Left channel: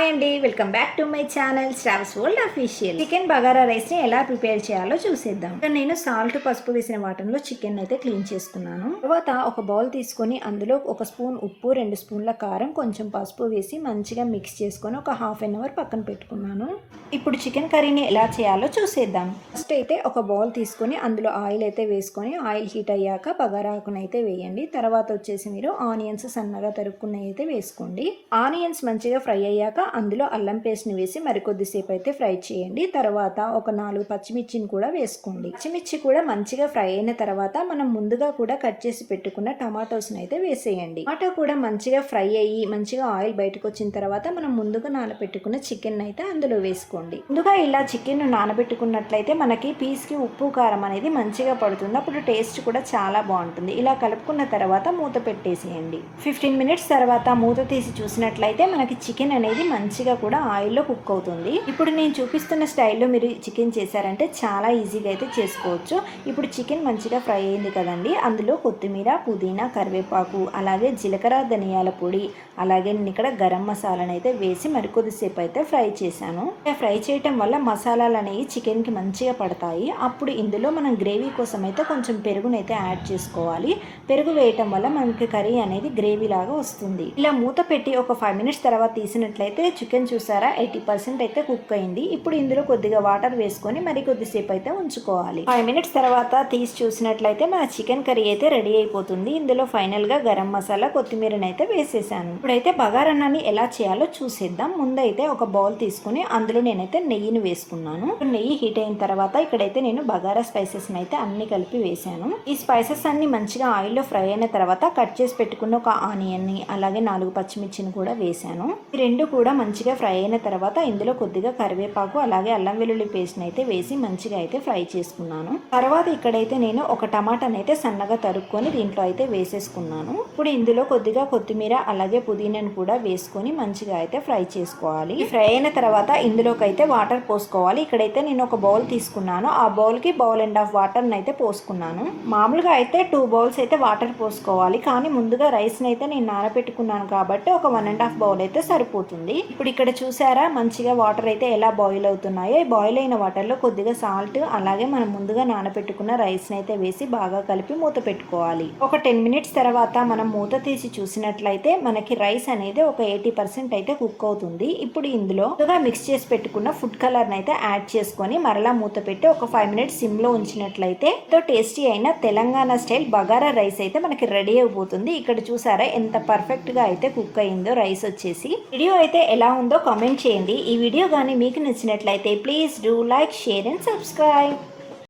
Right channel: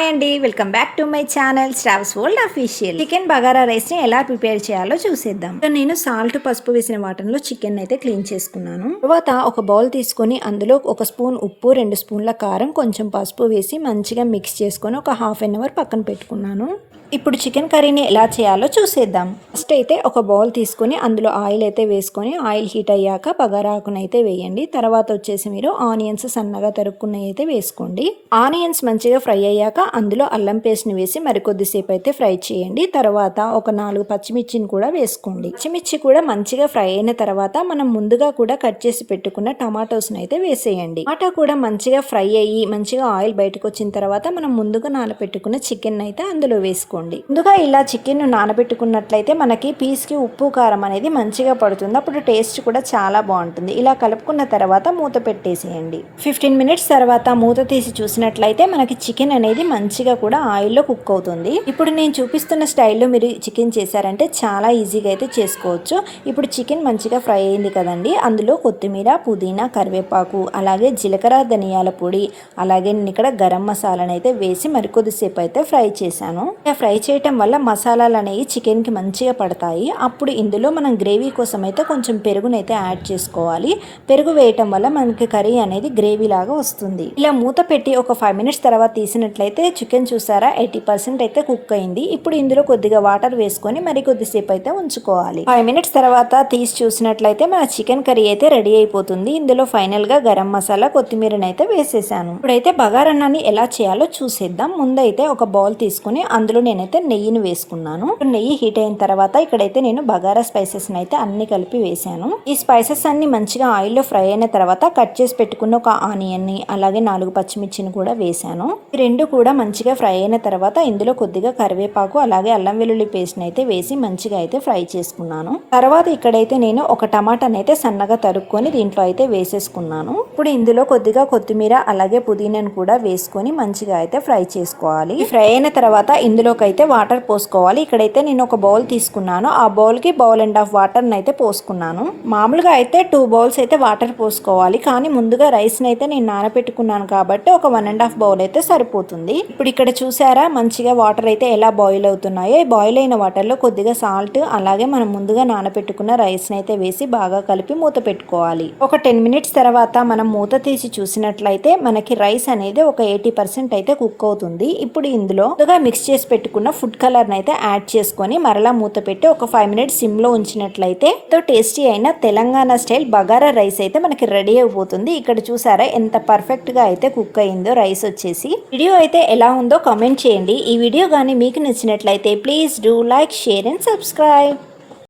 Hi అండి welcome back to my channel stuffs world official. Chicken bagara రైస్ని ఎలా prepare చేయాలో చూసేద్దాం. నేను సాల్ట్ పసుపు వేసిన వాటర్లో చికెన్ అయితే క్లీన్ చేసుకున్నాను. తర్వాత ఒక బౌల్ తీసుకొని అందులో ఒక స్పూన్ ఉప్పు రెండు స్పూన్ల కారం కొంచెం పసుపు వేసి మంచిగా మిక్స్ చేసుకొని ఒక హాఫ్ అన్ అవర్ పక్కన పెట్టుకున్నాను. ఇప్పుడు చికెన్ కర్రీని ఎలా చేయాలో చూసేద్దాం. ఫస్ట్ అయితే ఒక బౌల్ తీసుకొని అందులో ఆయిల్ అయితే వేసుకొని ఆయిల్ హీట్ అయ్యాక పగరాకునైతే అయితే వేయండి. తర్వాత వచ్చేసి మీరు ఆనియన్స్ సన్నగా తరుక్కున్నవి అయితే వేసుకోండి. ఆనియన్స్ మంచిగా ఫ్రై అయ్యాక అందులో అల్లం పేస్ట్ని వేసి మరికొద్దిసేపు అయితే ఫ్రై చేయండి. తర్వాత ఒక నాలుగు పచ్చిమిర్చిని కూడా వేసుకోండి. పచ్చిమిర్చి కూడా మంచిగా ఫ్రై అయిన తర్వాత మనం ముందుగా కూడా కట్ చేసి పెట్టుకున్న టమాటోస్ని అయితే వేసేయండి. టమాటా కూడా మంచిగా ఫ్రై అయ్యి మంచిగా ఆయిల్ బయటకు వచ్చిన తర్వాత మనం ముందుగా నానబెట్టుకున్న చికెన్ అయితే అందులో వేసుకోండి. ముందుగా ఇలా చికెన్ నానబెట్టుకున్నట్లయితే మనకి పీస్కి ఉప్పు కారం అనేది మంచిగా పడుతుంది. అప్పుడు టేస్ట్ కూడా చాలా బాగుంటుంది. ఇలా కలుపుకున్న తర్వాత మూత పెట్టేసేయండి. ఫిఫ్టీన్ మినిట్స్ తర్వాత మూత తీసి చూసినట్లయితే మనకి చికెన్ అనేది మంచిగా కూడా ఆయిల్లో కుక్ అవుతుంది. ఇప్పుడు నేను చూపిస్తున్న స్టైల్లో మీరు చికెన్ చేశారంటే చాలా ఈజీగా అయితే చేసుకోవచ్చు. ఇప్పుడు చికెన్ మంచిగా ఫ్రై అయింది కదండి. అందులో కొత్తిమీర పుదీనా కరివేపాకు అలాగే జీలకర్ర ధనియాల పొడి అలాగే నేను ఇక్కడ గరం మసాలాను అయితే వేసి మరికొద్దిసేపు అయితే ఫ్రై చేశాను. ఫ్రై ఫ్రై చేయటం వల్ల మసాలాలు అనేవి చికెన్కి మంచిగా పడతాయి. అప్పుడు ఇందులో మనం గ్రేవీ కోసం అయితే కొంచెం పెరుగునైతే యాడ్ చేసుకోవాలి. పెరుగు వేయటం వల్ల మనకి కర్రీ అనేది గ్రేవీ లాగా వస్తుంది. ఇలా మూత పెట్టి ఒక ఫైవ్ మినిట్స్ తర్వాత తీసినట్లయితే చికెన్ చూసారా ఎయిటీ పర్సెంట్ అయితే కుక్ అయింది. ఇప్పుడు ఇందులో కొద్దిగా వాటర్ వేసుకొని మరి కొద్దిసేపు అయితే ఉంచుకోవాలి. ఫైవ్ మినిట్స్ తర్వాత తీసి చూసినట్లయితే మన చికెన్ కర్రీ అయితే రెడీ అయిపోతుంది. ఇందులో ఫైనల్గా గరం మసాలా కొత్తిమీరని అయితే వేసేసాను. ఇప్పుడైతే బగారన్నాన్ని ఎలా చేయాలో చూసేద్దాం. ముందైతే ఒక బౌల్ తీసుకొని అందులో నేను నేనైతే నెయ్యిని వేసుకున్నాను. నెయ్యి హీట్ అయిన తర్వాత ఇక్కడైతే నేను బగారా స్పైసెస్ అయితే అన్ని కలిపి వేసాను. ఈ స్పైసెస్ అన్ని మంచిగా ఆయిల్లో ఫ్రై అయిన తర్వాత కట్ చేసి పెట్టుకున్న ఒక ఆనియన్ని అలాగే నాలుగు పచ్చిమిర్చిని కూడా వేసాను. ఈ రెండు కూడా మంచిగా ఫ్రై అయిన తర్వాత ఇందులో కొద్దిగా కరివేపాకు అలాగే అల్లం వెల్లుల్లి పేస్ట్ అయితే వేసి మంచిగా అయితే ఫ్రై చేసుకున్నాను. తర్వాత ఇక్కడైతే నేను ఒక టమాటాని అయితే సన్నగా తరుక్కొని దీంట్లో అయితే వేసేసుకున్నాను. ఇప్పుడు ఇందులో కొద్దిగా కొత్తిమీర అలాగే పుదీనాను కూడా వేసుకొని మంచిగా అయితే ఫ్రై చేసుకోవాలి. ఫ్రై అయిన తర్వాత ఇందులో ఇందులోకి అయితే వాటర్ పోసుకోవాలి. ఇక్కడైతే నేను ఒక బౌల్ తీసుకున్నాను. ఆ బౌల్కి బౌల్ అండ్ హాఫ్ వాటర్ని అయితే పోసుకున్నాను. మామూలుగా అయితే టూ బౌల్స్ అయితే వాటర్ పోసుకోవాలి. కానీ ముందుగా రైస్ని అయితే నేను నానబెట్టుకున్నాను కాబట్టి ఒక వన్ అండ్ హాఫ్ బౌల్ అయితే సరిపోతుంది. ఇప్పుడు ఇక్కడ చూసారా? మంచిగా వాటర్ అయితే ఎలా బాయిల్ అవుతున్నాయో. ఈ బాయిల్ అయిన వాటర్లో కొద్దిగా సాల్ట్ అలాగే మనం ముందుగా నానబెట్టుకున్న రైస్ని అయితే వేసి బాగా కలిపి మూత పెట్టుకోవాలి. ఒక టెన్ మినిట్స్ తర్వాత మనం మూత తీసి చూసినట్లయితే మనకి రైస్ అనేది ఒక ఎయిటీ పర్సెంట్ అయితే కుక్ అవుతుంది. ఇప్పుడు ఇందులో ముందుగా మిక్స్ చేసి పెట్టుకున్న ఫుడ్ కలర్ని అయితే యాడ్ చేసుకొని మరలా మూత పెట్టి ఒక ఫైవ్ మినిట్స్ సిమ్లో ఉంచినట్లయితే ఎంతో టేస్టీ అయిన తెలంగాణ స్టైల్ బగారా రైస్ అయితే మనకి రెడీ అయిపోతుంది. ఇక్కడ చూసారా ఎంత పర్ఫెక్ట్గా అయితే కుక్ అయిందో రైస్ వచ్చేసి. వీడియో అయితే ఎలా ఉందో కామెంట్ చేయండి. ఈ వీడియో కానీ మీకు నచ్చినట్లయితే please do like share and subscribe